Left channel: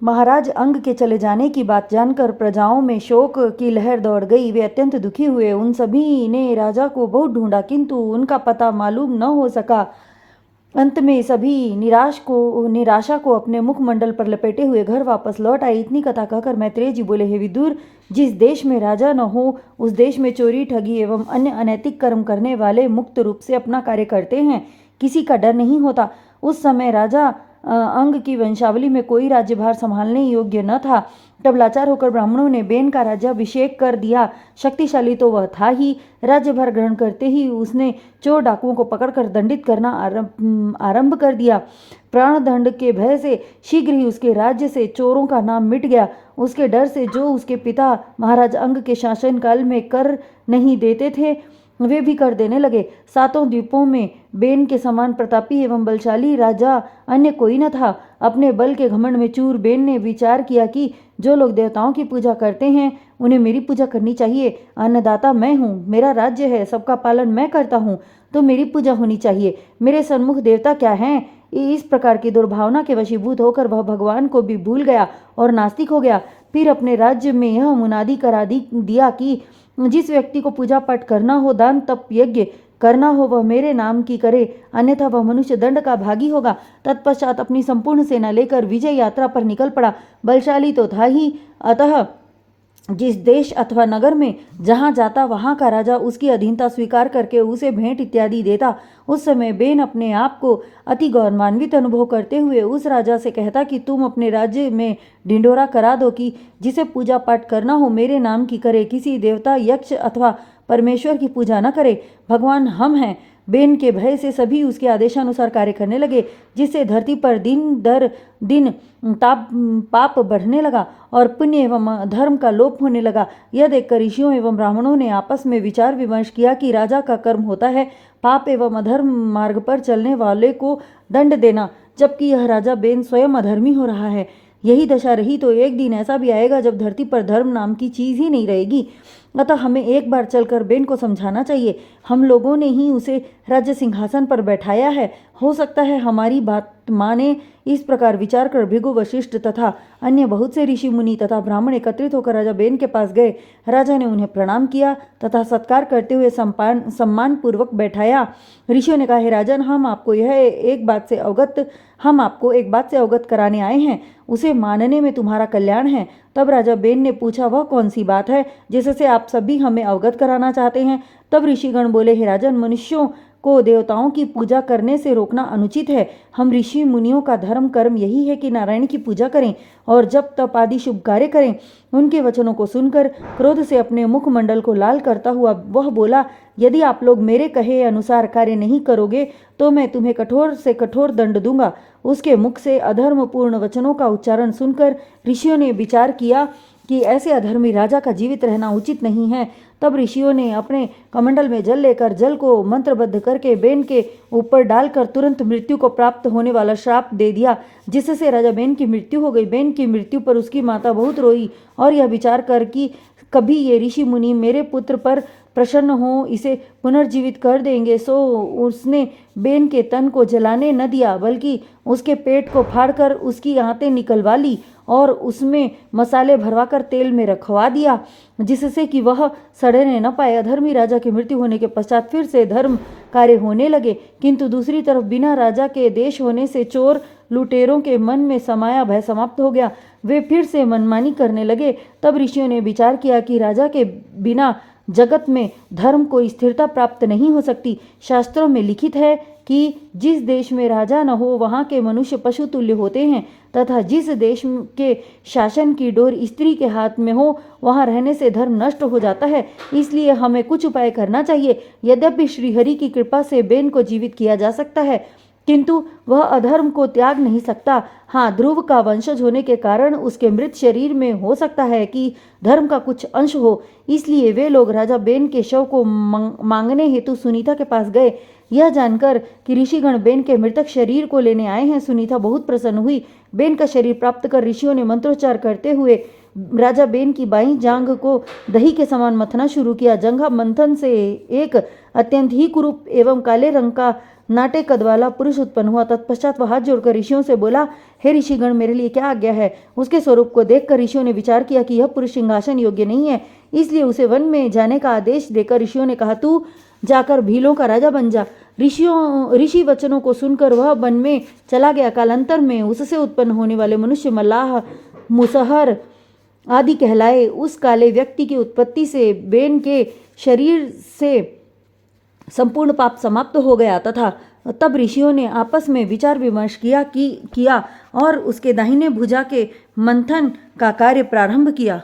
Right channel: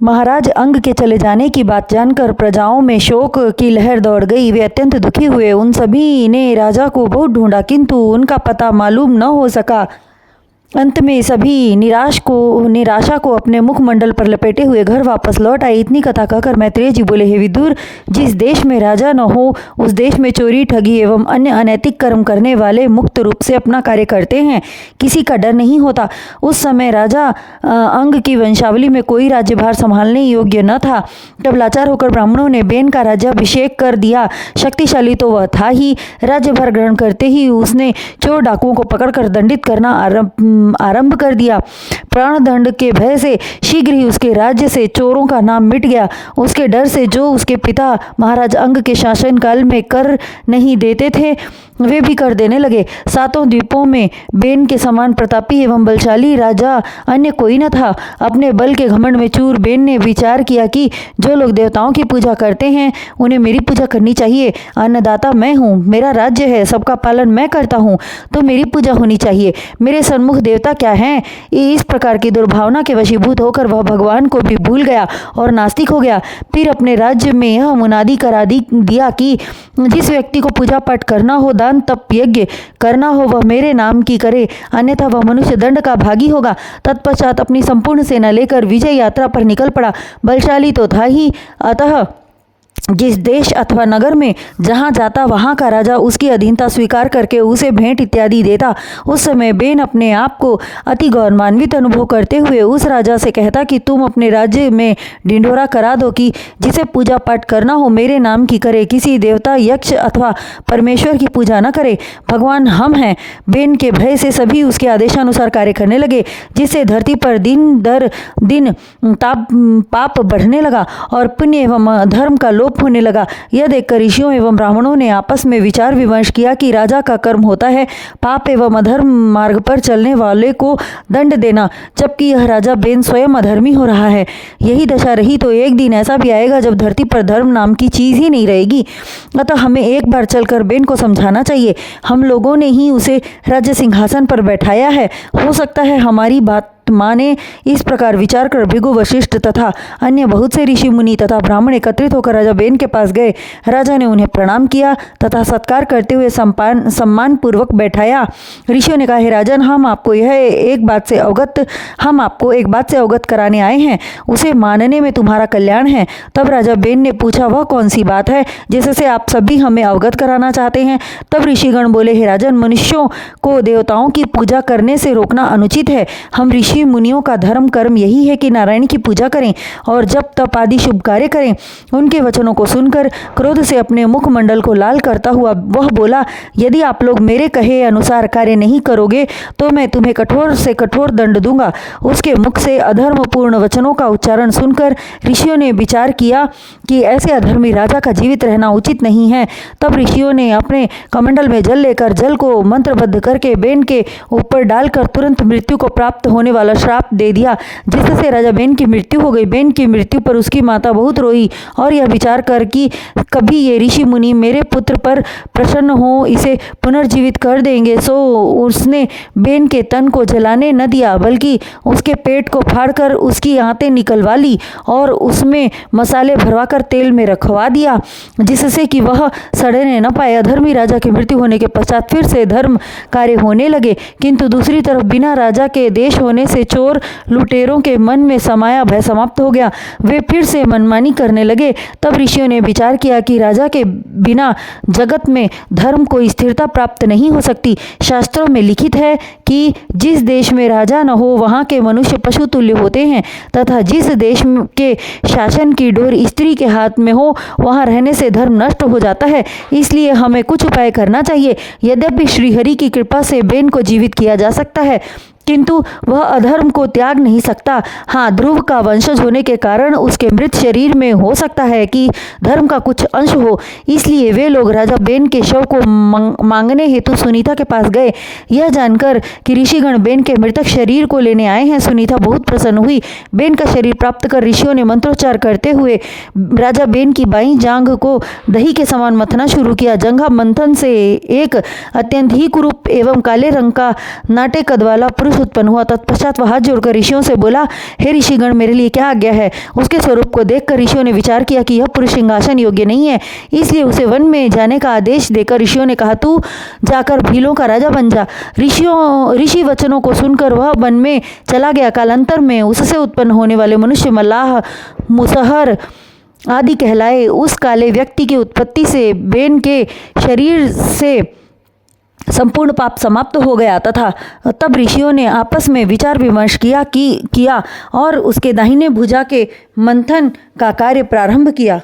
महाराज अंग के चले जाने की बात जानकर प्रजाओं में शोक की लहर दौड़ गई। वे अत्यंत दुखी हुए। उन सभी ने राजा को बहुत ढूंढा किंतु उनका पता मालूम न हो सका। अंत में सभी निराशा को अपने मुखमंडल पर लपेटे हुए घर वापस लौट आए। इतनी कथा कहकर मैत्रेय जी बोले, हे विदुर, जिस देश में राजा न हो उस देश में चोरी, ठगी एवं अन्य अनैतिक कर्म करने वाले मुक्त रूप से अपना कार्य करते हैं, किसी का डर नहीं होता। उस समय राजा अंग की वंशावली में कोई राज्यभार संभालने योग्य न था। तब लाचार होकर ब्राह्मणों ने बेन का राज्याभिषेक कर दिया। शक्तिशाली तो वह था ही, राज्यभार ग्रहण करते ही उसने चोर डाकुओं को पकड़कर दंडित करना आरंभ कर दिया। प्राणदंड के भय से शीघ्र ही उसके राज्य से चोरों का नाम मिट गया। उसके डर से जो उसके पिता महाराज अंग के शासनकाल में कर नहीं देते थे वे भी कर देने लगे। सातों द्वीपों में बेन के समान प्रतापी एवं बलशाली राजा अन्य कोई न था। अपने बल के घमंड में चूर बेन ने विचार किया कि जो लोग देवताओं की पूजा करते हैं उन्हें मेरी पूजा करनी चाहिए। अन्नदाता मैं हूँ, मेरा राज्य है, सबका पालन मैं करता हूँ, तो मेरी पूजा होनी चाहिए। मेरे सन्मुख देवता क्या हैं? इस प्रकार की दुर्भावना के वशीभूत होकर वह भगवान को भी भूल गया और नास्तिक हो गया। फिर अपने राज्य में यह मुनादी करा दिया कि जिस व्यक्ति को पूजा पाठ करना हो, दान तप यज्ञ करना हो, वह मेरे नाम की करे, अन्यथा वह मनुष्य दंड का भागी होगा। तत्पश्चात अपनी संपूर्ण सेना लेकर विजय यात्रा पर निकल पड़ा। बलशाली तो था ही, अतः जिस देश अथवा नगर में जहाँ जाता वहाँ का राजा उसकी अधीनता स्वीकार करके उसे भेंट इत्यादि देता। उस समय बेन अपने आप को अति गौरवान्वित अनुभव करते हुए उस राजा से कहता कि तुम अपने राज्य में ढिंढोरा करा दो कि जिसे पूजा पाठ करना हो मेरे नाम की करे, किसी देवता, यक्ष अथवा परमेश्वर की पूजा न करे। भगवान हम हैं। बेन के भय से सभी उसके आदेशानुसार कार्य करने लगे, जिससे धरती पर दिन दर दिन पाप बढ़ने लगा और पुण्य एवं धर्म का लोप होने लगा। यह देखकर ऋषियों एवं ब्राह्मणों ने आपस में विचार विमर्श किया कि राजा का कर्म होता है पाप एवं अधर्म मार्ग पर चलने वाले को दंड देना, जबकि यह राजा बेन स्वयं अधर्मी हो रहा है। यही दशा रही तो एक दिन ऐसा भी आएगा जब धरती पर धर्म नाम की चीज ही नहीं रहेगी। अतः हमें एक बार चलकर बेन को समझाना चाहिए। हम लोगों ने ही उसे राज्य सिंहासन पर बैठाया है, हो सकता है हमारी बात माने। इस प्रकार विचार कर भृगु, वशिष्ठ तथा अन्य बहुत से ऋषि मुनि तथा ब्राह्मण एकत्रित होकर राजा बेन के पास गए। राजा ने उन्हें प्रणाम किया तथा सत्कार करते हुए सम्मान पूर्वक बैठाया। ऋषियों ने कहा, हे राजन, हम आपको एक बात से अवगत कराने आए हैं, उसे मानने में तुम्हारा कल्याण है। तब राजा बेन ने पूछा, वह कौन सी बात है जिससे आप सभी हमें अवगत कराना चाहते हैं? तब ऋषिगण बोले, हे राजन, मनुष्यों को देवताओं की पूजा करने से रोकना अनुचित है। हम ऋषि मुनियों का धर्म कर्म यही है कि नारायण की पूजा करें और जब तप आदि शुभ कार्य करें। उनके वचनों को सुनकर क्रोध से अपने मुखमंडल को लाल करता हुआ वह बोला, यदि आप लोग मेरे कहे अनुसार कार्य नहीं करोगे तो मैं तुम्हें कठोर से कठोर दंड दूंगा। उसके मुख से अधर्मपूर्ण वचनों का उच्चारण सुनकर ऋषियों ने विचार किया कि ऐसे अधर्मी राजा का जीवित रहना उचित नहीं है। तब ऋषियों ने अपने कमंडल में जल लेकर जल को मंत्रबद्ध करके बेन के ऊपर डालकर तुरंत मृत्यु को प्राप्त होने वाला श्राप दे दिया, जिससे राजा बेन की मृत्यु हो गई। बेन की मृत्यु पर उसकी माता बहुत रोई और यह विचार कर कि कभी ये ऋषि मुनि मेरे पुत्र पर प्रसन्न हो इसे पुनर्जीवित कर देंगे, सो उसने बेन के तन को जलाने न दिया बल्कि उसके पेट को फाड़कर उसकी आंतें निकलवा ली और उसमें मसाले भरवाकर तेल में रखवा दिया, जिससे कि वह सड़ने न पाए। अधर्मी राजा की मृत्यु होने के पश्चात फिर से धर्म कार्य होने लगे, किंतु दूसरी तरफ बिना राजा के देश होने से चोर लुटेरों के मन में समाया भय समाप्त हो गया। वे फिर से मनमानी करने लगे। तब ऋषियों ने विचार किया कि राजा के बिना जगत में धर्म को स्थिरता प्राप्त नहीं हो सकती। शास्त्रों में लिखित है कि जिस देश में राजा न हो वहाँ के मनुष्य पशु तुल्य होते हैं तथा जिस देश के शासन की डोर स्त्री के हाथ में हो वहाँ रहने से धर्म नष्ट हो जाता है। इसलिए हमें कुछ उपाय करना चाहिए। यद्यपि श्रीहरि की कृपा से बेन को जीवित किया जा सकता है किंतु वह अधर्म को त्याग नहीं सकता। हाँ, ध्रुव का वंशज होने के कारण उसके मृत शरीर में हो सकता है कि धर्म का कुछ अंश हो। इसलिए वे लोग राजा बेन के शव को मांगने हेतु सुनीता के पास गए। यह जानकर कि ऋषिगण बेन के मृतक शरीर को लेने आए हैं, सुनीता बहुत प्रसन्न हुई। बेन का शरीर प्राप्त कर ऋषियों ने मंत्रोच्चार करते हुए राजा बेन की बाईं जांघ को दही के समान मथना शुरू किया। जंघा मंथन से एक अत्यंत ही कुरूप एवं काले रंग का नाटे कद वाला पुरुष मनुष्य उत्पन्न हुआ। तत्पश्चात वह हाथ जोड़कर ऋषियों से बोला, हे ऋषिगण, मेरे लिए क्या आज्ञा है? उसके स्वरूप को देखकर ऋषियों ने विचार किया कि यह पुरुष सिंहासन योग्य नहीं है, इसलिए उसे वन में जाने का आदेश देकर ऋषियों ने कहा, तू जाकर भीलों का राजा बन जा। ऋषि वचनों को सुनकर वह वन में चला गया। कालांतर में उससे उत्पन्न होने वाले मनुष्य मल्लाह, मुसहर आदि कहलाए। उस काले व्यक्ति की उत्पत्ति से बेन के शरीर से संपूर्ण पाप समाप्त हो गया तथा तब ऋषियों ने आपस में विचार विमर्श किया और उसके दाहिने भुजा के मंथन का कार्य प्रारंभ किया।